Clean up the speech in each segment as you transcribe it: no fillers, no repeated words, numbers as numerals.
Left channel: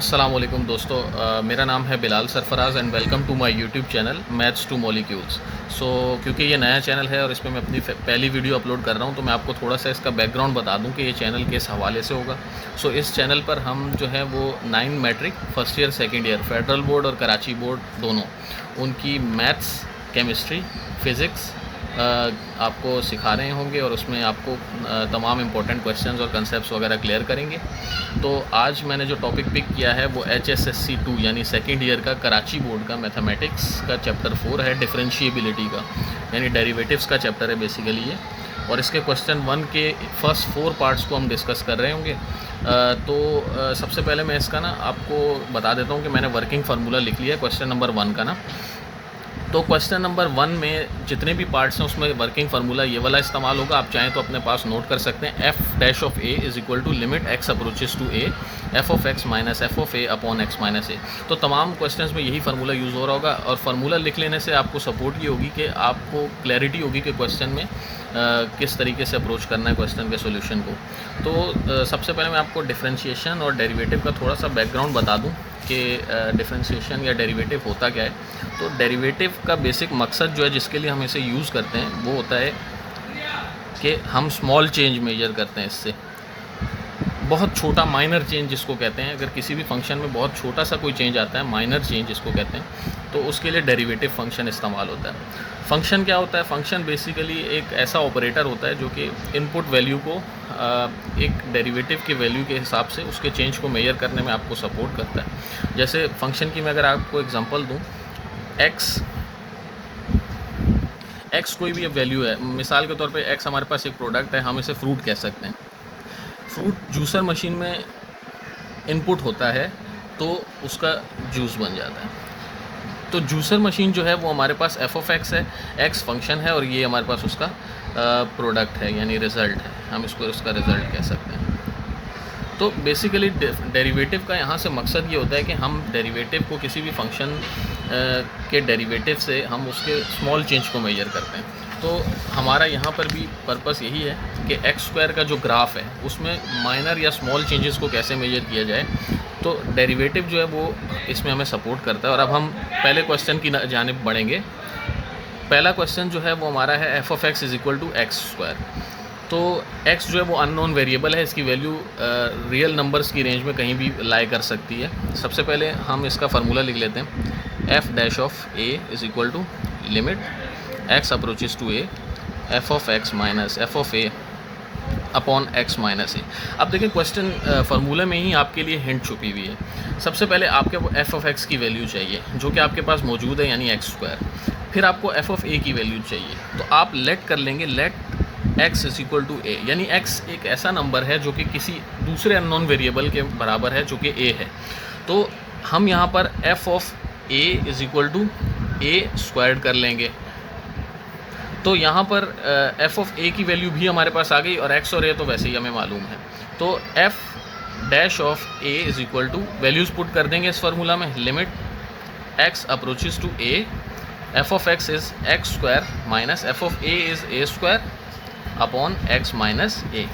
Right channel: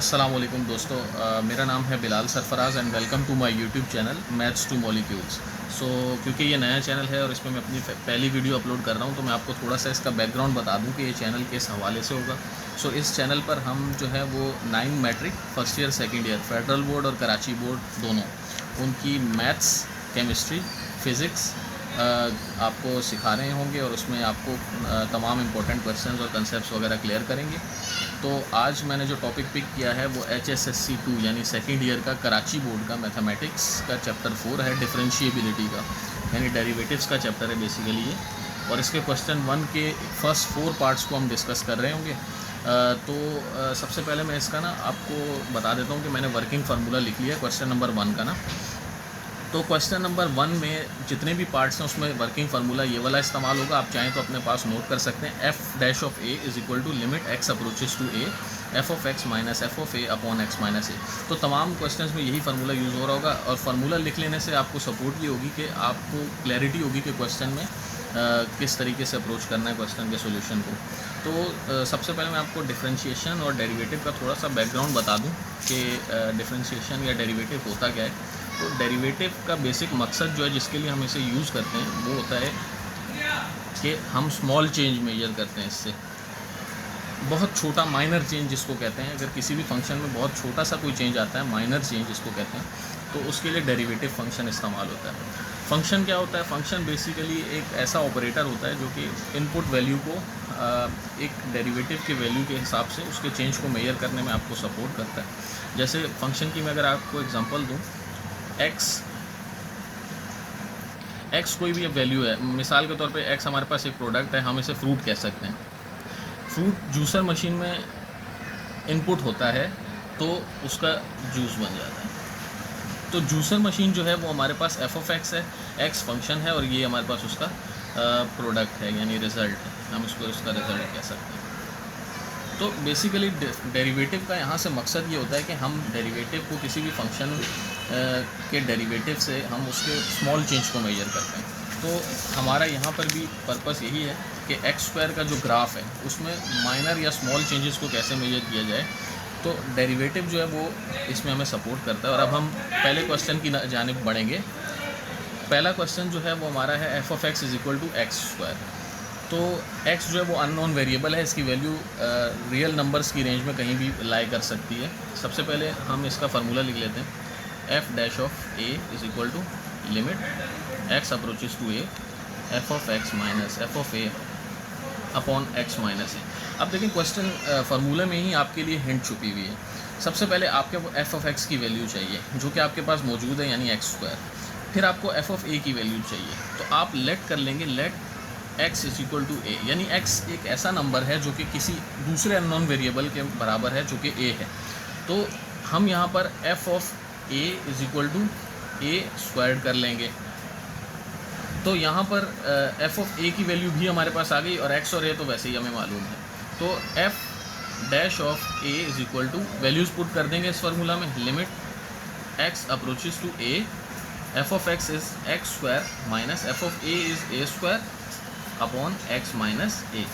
अस्सलाम वालेकुम दोस्तों, मेरा नाम है Bilal Sarfaraz and welcome to my YouTube channel maths to molecules. क्योंकि ये नया चैनल है और इसमें मैं अपनी पहली वीडियो अपलोड कर रहा हूँ, तो मैं आपको थोड़ा सा इसका बैकग्राउंड बता दूँ कि ये चैनल किस हवाले से होगा। इस चैनल पर हम जो है वो 9 matric first year second year federal board और कराची बोर्ड दोनों उनकी मैथ्स, केमिस्ट्री, फ़िज़िक्स आपको सिखा रहे होंगे और उसमें आपको तमाम इम्पोर्टेंट क्वेश्चंस और कंसेप्ट्स वगैरह क्लियर करेंगे। तो आज मैंने जो टॉपिक पिक किया है वो HSSC 2 यानी सेकेंड ईयर का कराची बोर्ड का मैथमेटिक्स का चैप्टर 4 है, डिफरेंशिएबिलिटी का, यानी डेरिवेटिव्स का चैप्टर है बेसिकली ये। और इसके क्वेश्चन 1 के फर्स्ट 4 पार्ट्स को हम डिस्कस कर रहे होंगे। सबसे पहले मैं इसका ना आपको बता देता हूँ कि मैंने वर्किंग फार्मूला लिख लिया है क्वेश्चन नंबर 1 का ना। तो क्वेश्चन नंबर 1 में जितने भी पार्ट्स हैं उसमें वर्किंग फार्मूला ये वाला इस्तेमाल होगा। आप चाहें तो अपने पास नोट कर सकते हैं। F dash of A is equal to limit x approaches to a f of x minus f of a upon x minus a. तो तमाम क्वेश्चंस में यही फार्मूला यूज़ हो रहा होगा और फार्मूला लिख लेने से आपको सपोर्ट ये होगी कि आपको क्लैरिटी होगी कि क्वेश्चन में किस तरीके से अप्रोच करना है क्वेश्चन के सोल्यूशन को। तो सबसे पहले मैं आपको डिफरेंशिएशन और डेरिवेटिव का थोड़ा सा बैकग्राउंड बता दूं कि डिफरेंशिएशन या डेरिवेटिव होता क्या है। तो डेरिवेटिव का बेसिक मकसद जो है जिसके लिए हम इसे यूज़ करते हैं वो होता है कि हम स्मॉल चेंज मेजर करते हैं इससे। बहुत छोटा माइनर चेंज जिसको कहते हैं, अगर किसी भी फंक्शन में बहुत छोटा सा कोई चेंज आता है, माइनर चेंज जिसको कहते हैं, तो उसके लिए डेरिवेटिव फंक्शन इस्तेमाल होता है। फंक्शन क्या होता है? फंक्शन बेसिकली एक ऐसा ऑपरेटर होता है जो कि इनपुट वैल्यू को एक डेरिवेटिव के वैल्यू के हिसाब से उसके चेंज को मेजर करने में आपको सपोर्ट करता है। जैसे फंक्शन की मैं अगर आपको एग्जांपल दूं, एक्स कोई भी वैल्यू है, मिसाल के तौर पे एक्स हमारे पास एक प्रोडक्ट है, हम इसे फ्रूट कह सकते हैं। फ्रूट जूसर मशीन में इनपुट होता है तो उसका जूस बन जाता है। तो जूसर मशीन जो है वो हमारे पास एफ ऑफ एक्स है, एक्स फंक्शन है और ये हमारे पास उसका प्रोडक्ट है यानी रिज़ल्ट है, हम इसको उसका रिज़ल्ट कह सकते हैं। तो बेसिकली डेरिवेटिव का यहाँ से मकसद ये होता है कि हम डेरिवेटिव को किसी भी फंक्शन के डेरिवेटिव से हम उसके स्मॉल चेंज को मेजर करते हैं। तो हमारा यहाँ पर भी पर्पस यही है कि एक्स स्क्वायर का जो ग्राफ है उसमें माइनर या स्मॉल चेंजेस को कैसे मेजर किया जाए। तो डेरिवेटिव जो है वो इसमें हमें सपोर्ट करता है। और अब हम पहले क्वेश्चन की जानिब बढ़ेंगे। पहला क्वेश्चन जो है वो हमारा है F of X is equal to X square. तो x जो है वो अननोन वेरिएबल है, इसकी वैल्यू रियल नंबर्स की रेंज में कहीं भी लाई कर सकती है। सबसे पहले हम इसका फार्मूला लिख लेते हैं। F dash of A is equal to limit x approaches to a f of x minus f of a upon x minus a. अब देखिए क्वेश्चन फार्मूला में ही आपके लिए हिंट छुपी हुई है। सबसे पहले आपके वो एफ ऑफ एक्स की वैल्यू चाहिए जो कि आपके पास मौजूद है यानी एक्स स्क्वायर। फिर आपको एफ ऑफ ए की वैल्यू चाहिए, तो आप लेट कर लेंगे, let x is equal to a, यानी x एक ऐसा नंबर है जो कि किसी दूसरे अननोन वेरिएबल के बराबर है जो कि a है। तो हम यहाँ पर f of a is equal to a squared कर लेंगे। तो यहाँ पर f ऑफ a की वैल्यू भी हमारे पास आ गई और x और a तो वैसे ही हमें मालूम है। तो f dash of a is equal to values put कर देंगे इस फार्मूला में। Limit x approaches to a f of x is x square minus f of a is a square upon x minus a.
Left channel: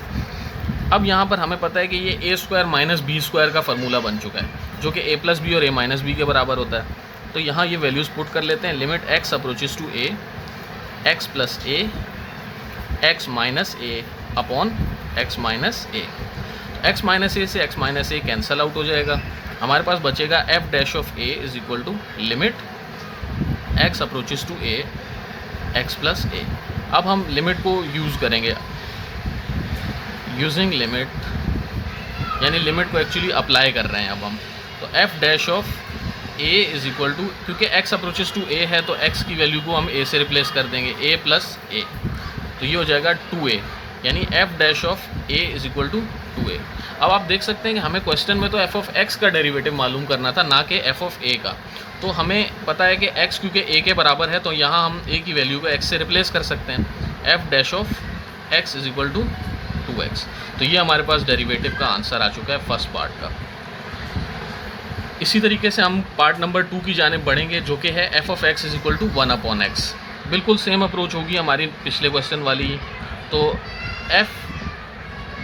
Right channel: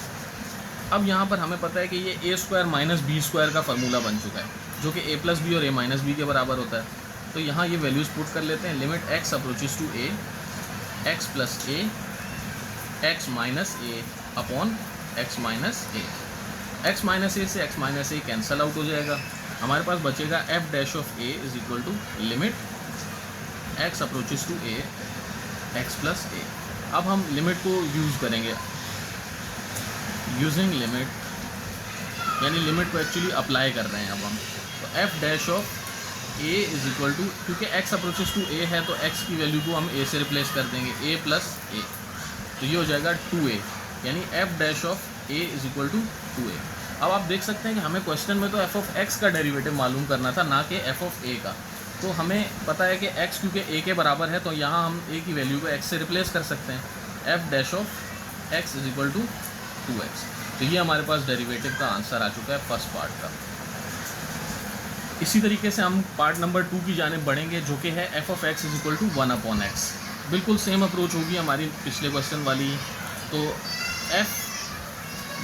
अब यहाँ पर हमें पता है कि ये a square minus B square का फार्मूला बन चुका है जो कि ए प्लस बी और ए माइनस बी के बराबर होता है। तो यहाँ ये वैल्यूज़ पुट कर लेते हैं। Limit x approaches to a x plus a x minus a upon x minus a. X minus a से x minus a cancel out हो जाएगा, हमारे पास बचेगा f dash of A is equal to limit x approaches to a x plus a. अब हम limit को use करेंगे, यूजिंग लिमिट, यानी लिमिट को एक्चुअली अप्लाई कर रहे हैं अब हम। तो f dash of A is equal to, क्योंकि एक्स अप्रोचेस टू ए है तो एक्स की वैल्यू को हम ए से रिप्लेस कर देंगे, ए प्लस ए। तो ये हो जाएगा 2a, यानी F dash of A is equal to 2a। अब आप देख सकते हैं कि हमें क्वेश्चन में तो एफ ऑफ एक्स का डेरिवेटिव मालूम करना था, ना कि एफ ऑफ ए का। तो हमें पता है कि x क्योंकि a के बराबर है तो यहाँ हम a की वैल्यू को x से रिप्लेस कर सकते हैं। f dash of x is equal to 2x। तो ये हमारे पास डेरिवेटिव का आंसर आ चुका है फर्स्ट पार्ट का। इसी तरीके से हम पार्ट नंबर 2 की जानिब बढ़ेंगे जो कि है f of x is equal to 1 upon x। बिल्कुल सेम अप्रोच होगी हमारी पिछले क्वेश्चन वाली। तो f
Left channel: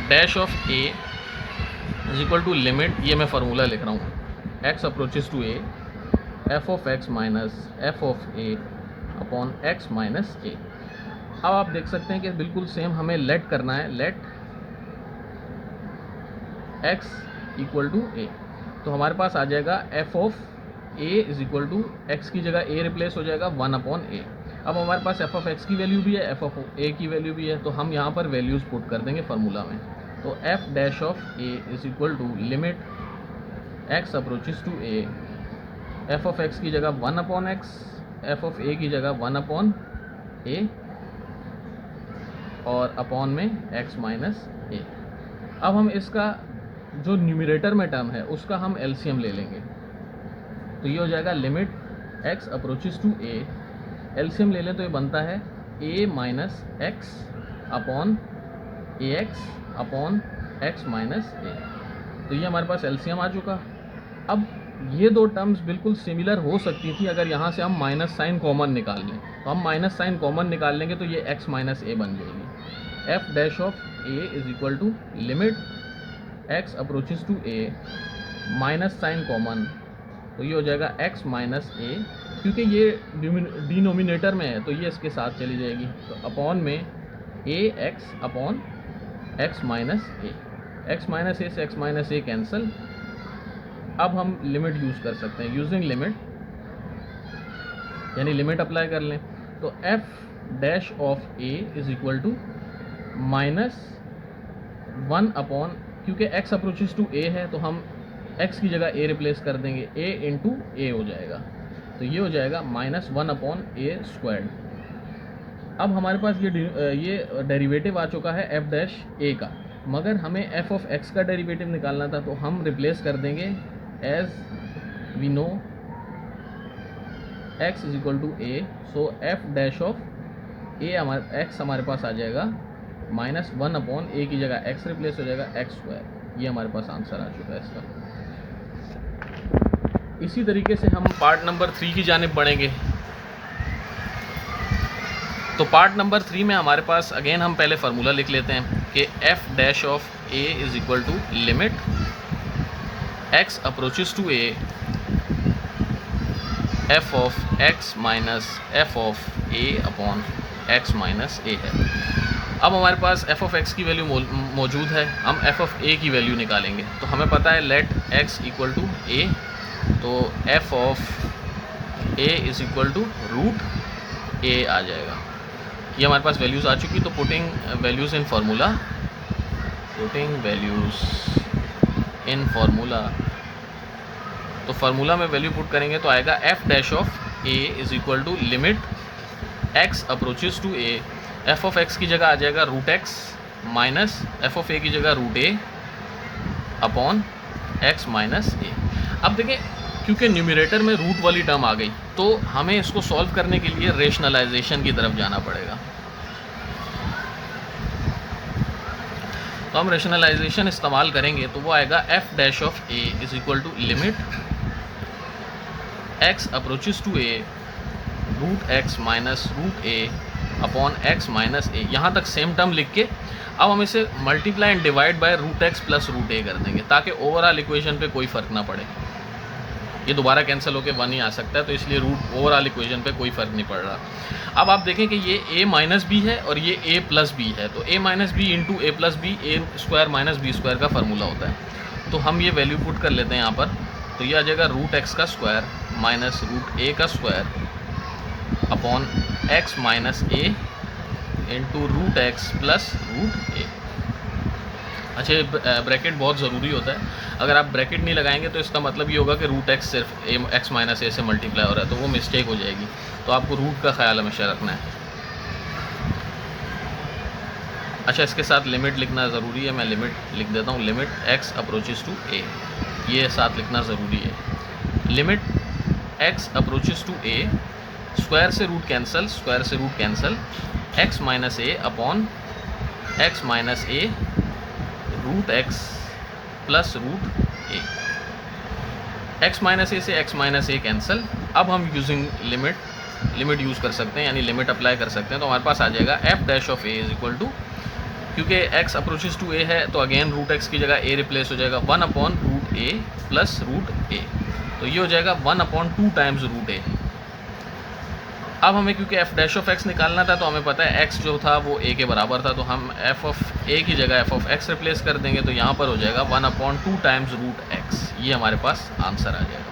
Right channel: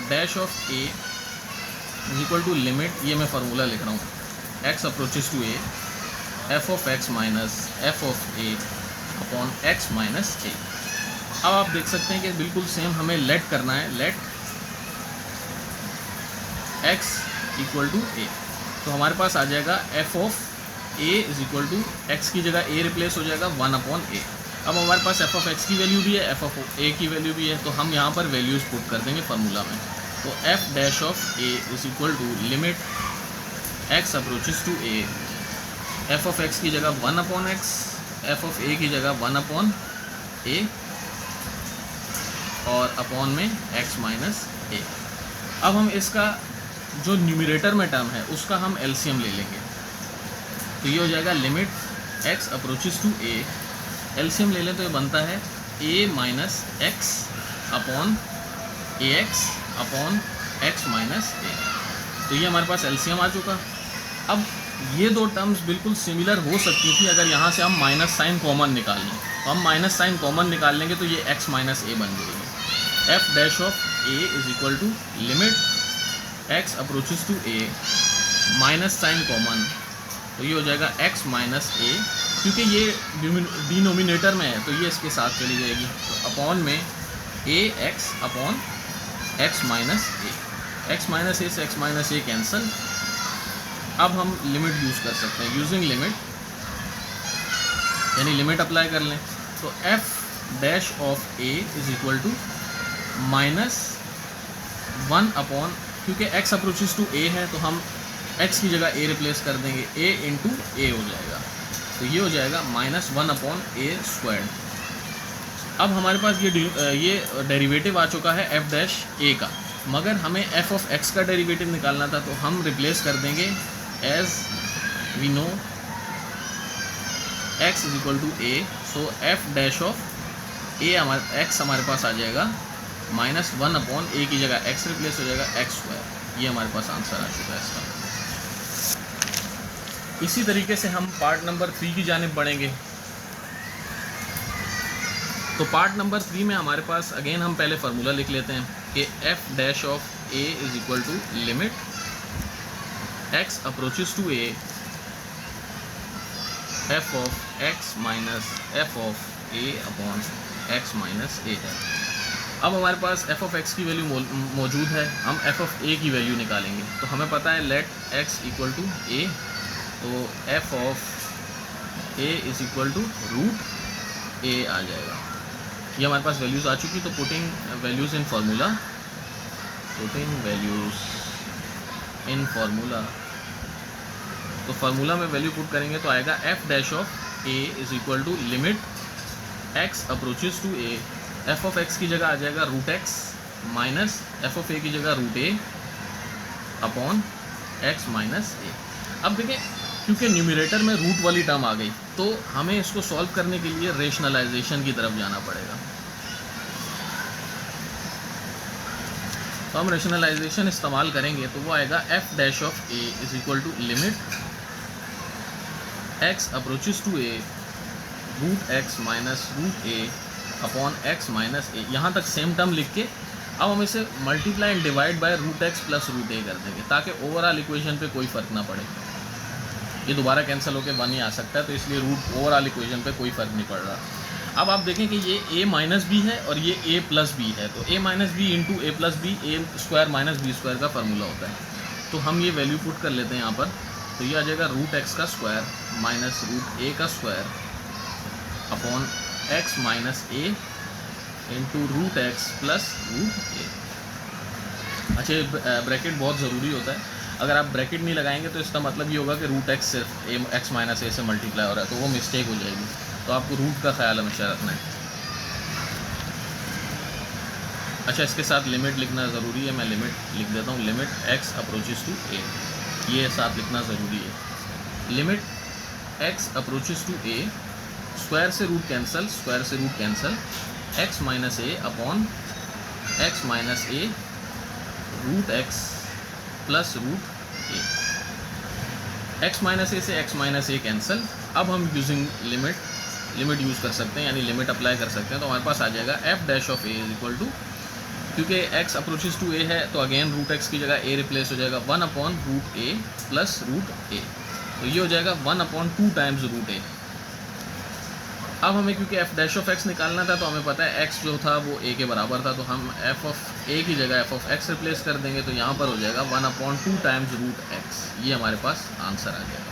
dash of a is equal to limit, ये मैं फार्मूला लिख रहा हूँ, x approaches to a f of x minus f of a upon x minus a। अब आप देख सकते हैं कि बिल्कुल सेम हमें लेट करना है, let x equal to a। तो हमारे पास आ जाएगा f of a is equal to x की जगह a रिप्लेस हो जाएगा 1 अपॉन a। अब हमारे पास f ऑफ x की वैल्यू भी है, f ऑफ a की वैल्यू भी है, तो हम यहाँ पर वैल्यूज़ पुट कर देंगे फार्मूला में। तो f dash of a is equal to limit x approaches to a, f of x की जगह 1 upon x, f of a की जगह 1 अपॉन a और अपॉन में x माइनस a। अब हम इसका जो न्यूमरेटर में टर्म है उसका हम एलसीएम ले लेंगे, तो ये हो जाएगा limit x approaches to a, LCM ले लें तो ये बनता है a minus X upon A X upon x minus a। तो ये हमारे पास एलसीएम आ चुका। अब ये दो टर्म्स बिल्कुल सिमिलर हो सकती थी अगर यहाँ से हम माइनस साइन कॉमन निकाल लें, तो हम माइनस साइन कॉमन निकाल लेंगे तो ये x माइनस a बन जाएगी। f dash of a is equal to limit x approaches to a minus sign common, तो ये हो जाएगा x माइनस a, क्योंकि ये डिनोमिनेटर में है तो ये इसके साथ चली जाएगी, तो अपॉन में a x upon x minus a, x minus a से x माइनस a कैंसिल। अब हम लिमिट यूज़ कर सकते हैं, यूजिंग लिमिट यानी लिमिट अप्लाई कर लें, तो f dash of a is equal to minus 1 upon, क्योंकि x अप्रोचेस टू a है तो हम x की जगह a रिप्लेस कर देंगे, a इंटू a हो जाएगा, तो ये हो जाएगा माइनस 1 अपॉन a स्क्वायर। अब हमारे पास ये डेरिवेटिव आ चुका है f डैश a का, मगर हमें f ऑफ x का डेरिवेटिव निकालना था तो हम रिप्लेस कर देंगे as we know x is equal to a, so f dash of a x हमारे पास आ जाएगा माइनस 1 अपॉन a की जगह x रिप्लेस हो जाएगा x स्क्वायर। ये हमारे पास आंसर आ चुका है इसका। इसी तरीके से हम पार्ट नंबर 3 की जानिब बढ़ेंगे। तो पार्ट नंबर 3 में हमारे पास अगेन हम पहले फार्मूला लिख लेते हैं कि f dash of a is equal to limit x approaches to a f of x minus f of a upon x minus a है। अब हमारे पास f ऑफ x की वैल्यू मौजूद है, हम f ऑफ a की वैल्यू निकालेंगे, तो हमें पता है let x equal to a, तो f of a is equal to root a आ जाएगा। ये हमारे पास वैल्यूज़ आ चुकी, तो putting values in formula, putting values in formula, तो फार्मूला में वैल्यू पुट करेंगे तो आएगा f dash of a is equal to limit x approaches to a, f of x की जगह आ जाएगा root x minus f of a की जगह root a upon x minus a। अब देखें क्योंकि न्यूमरेटर में रूट वाली टर्म आ गई तो हमें इसको सॉल्व करने के लिए रेशनलाइजेशन की तरफ जाना पड़ेगा। तो हम रेशनलाइजेशन इस्तेमाल करेंगे तो वो आएगा f dash of a is equal to limit x approaches to a root x minus root a upon x minus a। यहाँ तक सेम टर्म लिख के अब हम इसे multiply and divide by root x plus root a कर देंगे ताकि ओवरऑल इक्वेशन पे कोई फ़र्क ना पड़े। ये दोबारा कैंसिल होकर 1 ही आ सकता है, तो इसलिए रूट ओवरऑल इक्वेशन पे कोई फ़र्क नहीं पड़ रहा। अब आप देखें कि ये a माइनस बी है और ये a प्लस बी है, तो a minus B into a plus B a square minus B square का फार्मूला होता है। तो हम ये वैल्यू पुट कर लेते हैं यहाँ पर, तो ये आ जाएगा रूट x का स्क्वायर माइनस रूट a का square upon x minus a into root X plus root a। अच्छा, ये ब्रैकेट बहुत ज़रूरी होता है, अगर आप ब्रैकेट नहीं लगाएंगे तो इसका मतलब ये होगा कि रूट एक्स सिर्फ x माइनस a से मल्टीप्लाई हो रहा है, तो वो मिस्टेक हो जाएगी। तो आपको रूट का ख्याल हमेशा रखना है। अच्छा, इसके साथ लिमिट लिखना ज़रूरी है, मैं लिमिट लिख देता हूँ, limit x approaches to a, ये साथ लिखना ज़रूरी है। Limit x approaches to a, square से रूट कैंसिल, स्क्वायर से root cancel, x minus a upon x minus a root x plus root a। x minus a से x minus a cancel. अब हम यूजिंग लिमिट यूज़ कर सकते हैं, यानी limit apply कर सकते हैं, तो हमारे पास आ जाएगा f dash of a is equal to क्योंकि x अप्रोचेस टू a है तो अगेन रूट x की जगह a रिप्लेस हो जाएगा 1/√a प्लस √a, तो ये हो जाएगा 1/2 टाइम्स √a। अब हमें क्योंकि f डैश ऑफ x निकालना था तो हमें पता है x जो था वो a के बराबर था, तो हम f ऑफ a की जगह f ऑफ x रिप्लेस कर देंगे, तो यहाँ पर हो जाएगा 1/2 टाइम्स √x। ये हमारे पास आंसर आ जाएगा।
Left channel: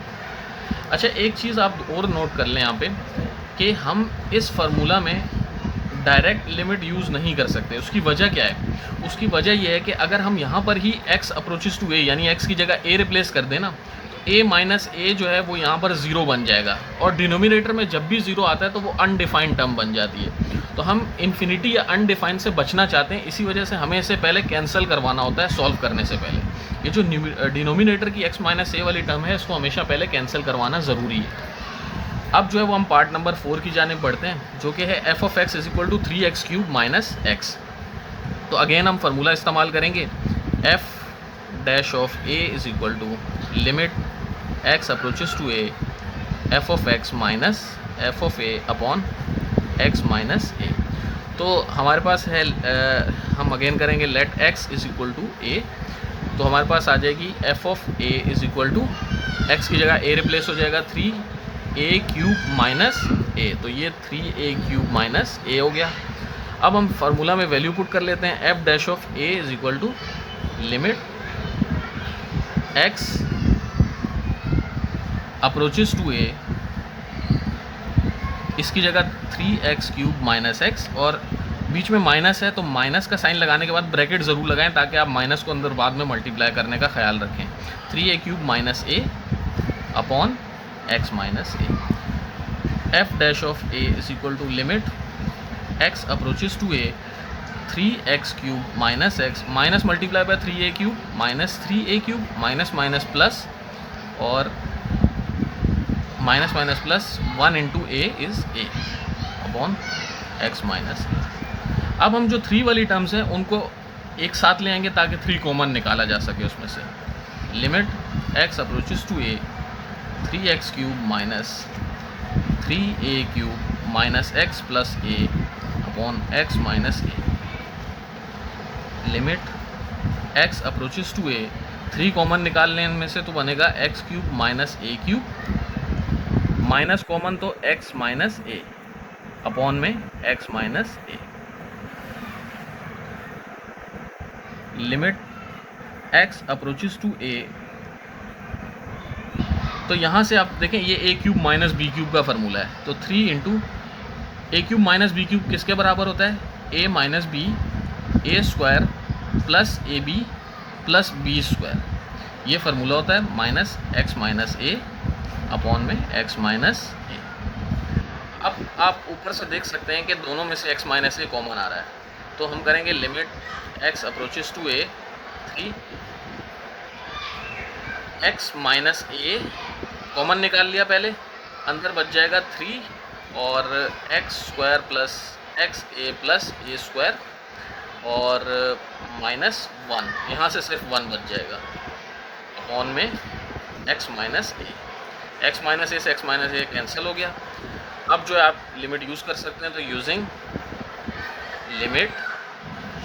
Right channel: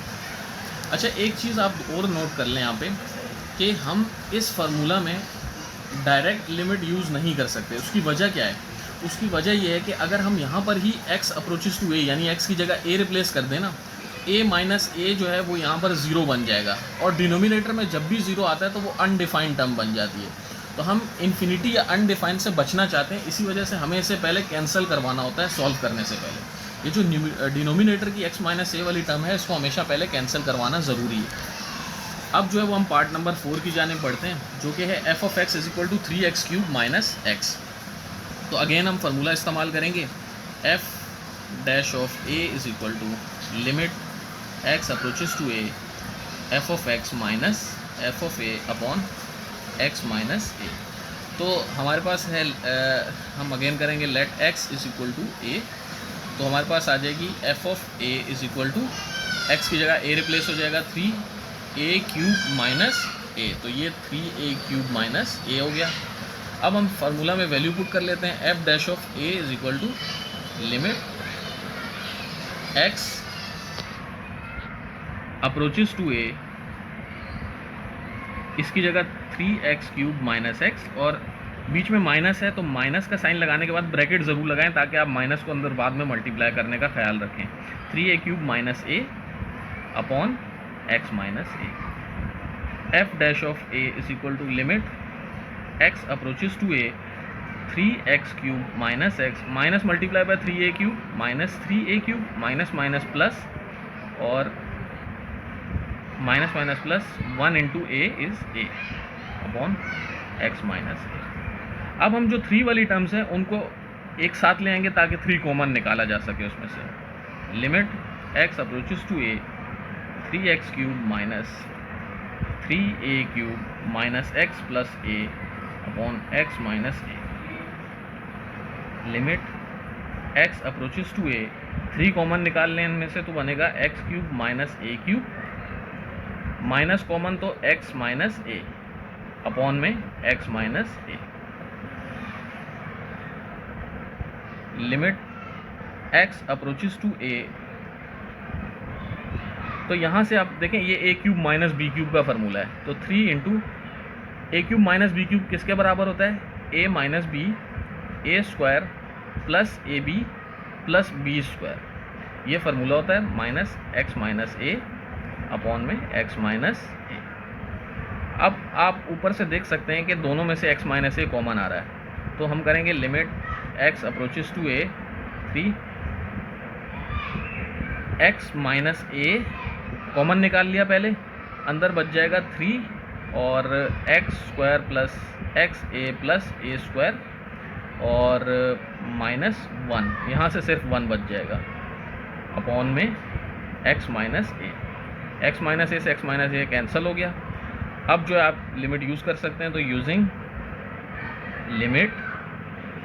अच्छा, एक चीज़ आप और नोट कर लें यहाँ पे कि हम इस फार्मूला में डायरेक्ट लिमिट यूज़ नहीं कर सकते। उसकी वजह क्या है? उसकी वजह यह है कि अगर हम यहाँ पर ही x अप्रोचेस टू a यानी x की जगह a रिप्लेस कर दें ना, a माइनस a जो है वो यहाँ पर ज़ीरो बन जाएगा, और डिनोमिनेटर में जब भी ज़ीरो आता है तो वो अनडिफाइंड टर्म बन जाती है। तो हम इन्फिनिटी या अनडिफाइंड से बचना चाहते हैं, इसी वजह से हमें इसे पहले कैंसिल करवाना होता है सॉल्व करने से पहले। ये जो डिनोमिनेटर की x माइनस a वाली टर्म है इसको हमेशा पहले कैंसिल करवाना ज़रूरी है। अब जो है वो हम पार्ट नंबर 4 की जानिब बढ़ते हैं, जो कि है f of x is equal to 3x³ minus x। तो अगेन हम फार्मूला इस्तेमाल करेंगे, f dash of a is equal to limit x approaches to a f of x minus f of a upon x minus a। तो हमारे पास है हम again करेंगे let x is equal to a, तो हमारे पास आ जाएगी f of a is equal to x की जगह a रिप्लेस हो जाएगा 3a³ माइनस a, तो ये 3a³ माइनस a हो गया। अब हम फार्मूला में वैल्यू पुट कर लेते हैं, f dash of a is equal to limit x approaches to a, इसकी जगह 3x³ माइनस x, और बीच में माइनस है तो माइनस का साइन लगाने के बाद ब्रैकेट ज़रूर लगाएं ताकि आप माइनस को अंदर बाद में मल्टीप्लाई करने का ख्याल रखें। 3a³ minus a upon x minus a। f dash of a is equal to limit x approaches to a 3x³ minus x, minus multiply by 3a³ minus 3a³ minus minus plus, और minus minus plus 1 into a is a upon x minus a। अब हम जो 3 वाली terms हैं उनको एक साथ ले आएंगे ताकि 3 कॉमन निकाला जा सके उसमें से। Limit x approaches to a 3x³ minus 3a³ minus x plus a upon x minus a। Limit x approaches to a, 3 common निकाल लें इनमें से तो बनेगा x³ minus a³, minus common तो x माइनस a अपॉन में x minus a। Limit x approaches to a, तो यहाँ से आप देखें ये a³ माइनस b³ का फार्मूला है, तो 3 इंटू a³ माइनस b³ किसके बराबर होता है? a minus b a square plus A B plus B square, ये फार्मूला होता है minus x minus a upon में x माइनस a। अब आप ऊपर से देख सकते हैं कि दोनों में से x माइनस a कॉमन आ रहा है, तो हम करेंगे limit x approaches to a 3x minus a common निकाल लिया पहले, अंदर बच जाएगा 3 और x square plus X A plus A square और माइनस 1, यहाँ से सिर्फ 1 बच जाएगा अपॉन में x minus A. x minus a से x माइनस ए कैंसिल हो गया। अब जो है आप लिमिट यूज़ कर सकते हैं, तो यूजिंग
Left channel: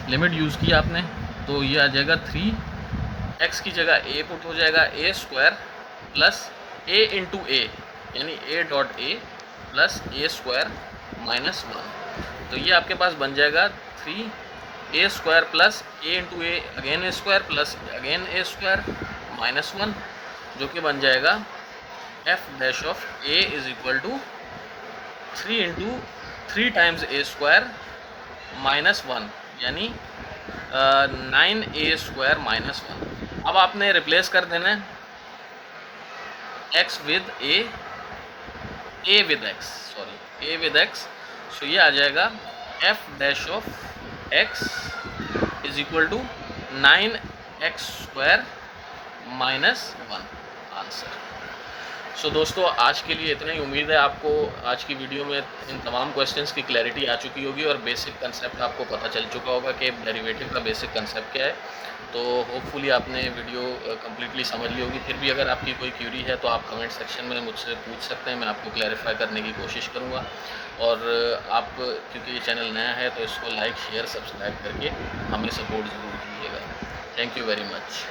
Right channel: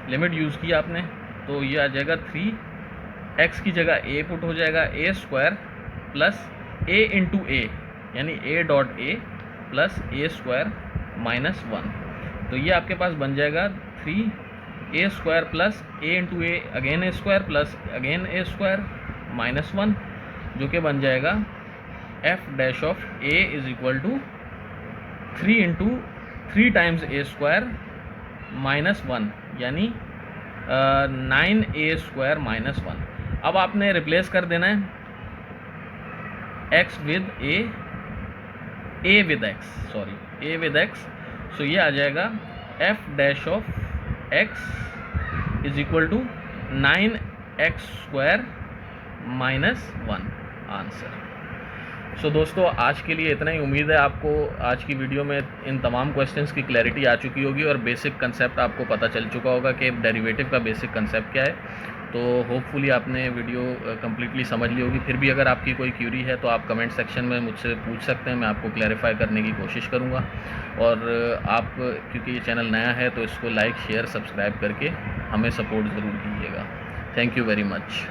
लिमिट यूज़ किया आपने तो ये आ जाएगा 3x की जगह a पुट हो जाएगा a square plus a into a यानी a dot a plus a square minus 1, तो ये आपके पास बन जाएगा 3a square plus a into a again a square plus again a square minus 1, जो कि बन जाएगा f dash of a is equal to 3 into 3 times a square minus 1 यानी 9a स्क्वायर माइनस 1। अब आपने रिप्लेस कर देना है x with a with x, so ये आ जाएगा f dash of x is equal to 9x square minus 1 answer. So दोस्तों, आज के लिए इतना ही। उम्मीद है आपको आज की वीडियो में इन तमाम क्वेश्चंस की क्लैरिटी आ चुकी होगी और बेसिक कंसेप्ट आपको पता चल चुका होगा कि डेरिवेटिव का बेसिक कंसेप्ट क्या है। तो होपफुली आपने वीडियो कम्प्लीटली समझ ली होगी। फिर भी अगर आपकी कोई क्यूरी है तो आप कमेंट सेक्शन में मुझसे पूछ सकते हैं, मैं आपको क्लैरिफाई करने की कोशिश करूँगा। और आप, क्योंकि ये चैनल नया है, तो इसको लाइक शेयर सब्सक्राइब करके हमें सपोर्ट ज़रूर कीजिएगा। Thank you very much.